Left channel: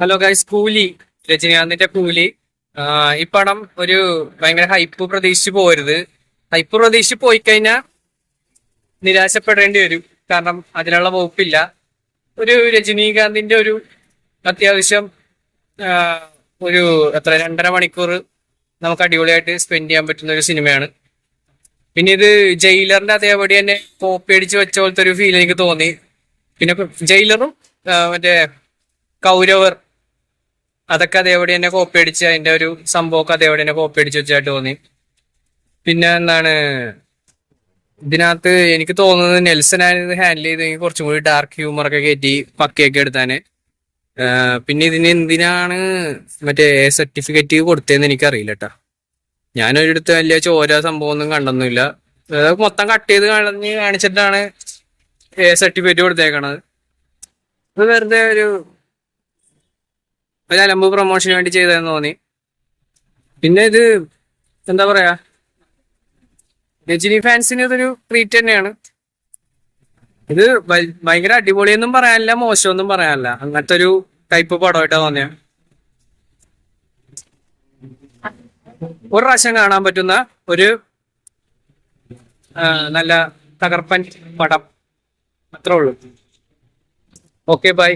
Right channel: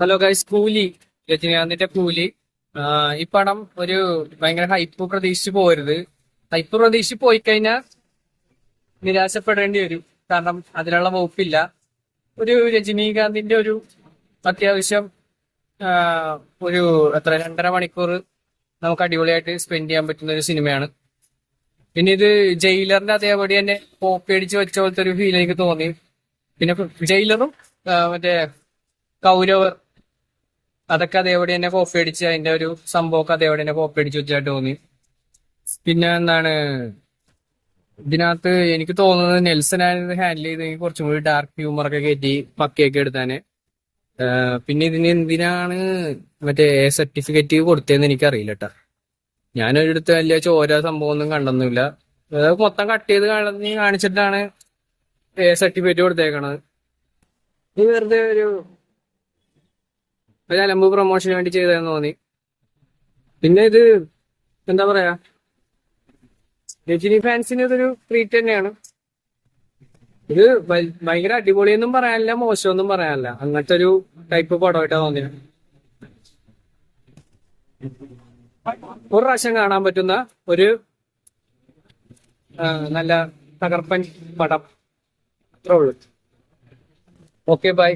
Hello guys, കൂലി. രജനീകാന്തിന്റെ കൂലി. ഈ പടം ഒരു ഭയങ്കര ഹൈപ്പ് പ്രതീക്ഷിച്ച് പോരുത്. ഹൈപ്പ് പ്രതീക്ഷിച്ച് പോയി കഴിഞ്ഞാൽ നിരാശപ്പെടേണ്ടി വരും. കാരണം അതിനുള്ള വകുപ്പില്ല. ഒരു രജനീകാന്തിന്റെ ഒരു അത്യാവശ്യം ആ, ഒരു 2.5 മണിക്കൂർ നമുക്ക് അടിപൊളിയായിട്ട് സ്പെൻഡ് ചെയ്യാൻ പറ്റുന്ന ഒരു സിനിമയാണ്. പിന്നെ ഇത് ജയിലറിന്റെ അതേപടി തന്നെ കോപ്പി അടിച്ച് വെച്ച പോലത്തെ ഒരു ഫീൽ എനിക്ക് തോന്നി. പിന്നെ ജയിലറും മറ്റേ കൗരവർ അതൊക്കെ അതേപടി തന്നെ കോപ്പി അടിച്ച് അതിന്റെ ഒരു സംഭവമൊക്കെ അതേപടി തന്നെ കോപ്പി അടിച്ച് വെച്ചായിട്ട് തോന്നി. പിന്നെ എന്താണ് ഇതിനകത്ത് എനിക്ക് തോന്നുന്നത് നെൽസൺ ആയിരുന്നു ഹാൻഡിൽ ചെയ്തെങ്കിൽ കുറച്ചും കൂടി ഡാർക്ക് ഹ്യൂമർ ഒക്കെ കയറ്റി പക്കയൊക്കെ എടുത്താന്. പിന്നെ ഇതിന് എന്തിനാണ് മറ്റേ സർട്ടിഫിക്കറ്റ് കൊടുത്തതെന്ന് എനിക്കറിയില്ല കേട്ടാ. ഞാനൊരിടത്ത് വലിയ ചോര സംഭവം ഒന്നും കണ്ടൊന്നുമില്ല. അതൊക്കെ മൊത്തം കട്ട് ചെയ്ത് കളഞ്ഞ് കാണിച്ചിട്ടാണ് സർട്ടിഫിക്കറ്റ് കൊടുത്തേക്കണത്. ഇത് വെറുതെ ഒരു അലമ്പ് പ്രൊമോഷന് വേണ്ടി ചെയ്തതെന്ന് തോന്നി. പിന്നെ ഇത് എന്താ പറയാ, രജനി ഫാൻസിന് ഇതൊരു ട്രീറ്റ് തന്നെയാണ്. ഇത് ഭയങ്കര അടിപൊളിയൊന്നും പറയാനില്ല, മോശമൊന്നും പറയാനില്ല. അങ്ങനത്തെ ഒരു ടൈപ്പ് പടമായിട്ടാ തോന്നിയ. ഒരു പ്രാവശ്യം കാണാൻ പറ്റുന്ന ഒരു നല്ല തകർപ്പൻ പടം. അത്രേ ഉള്ളൂ. Okay, by.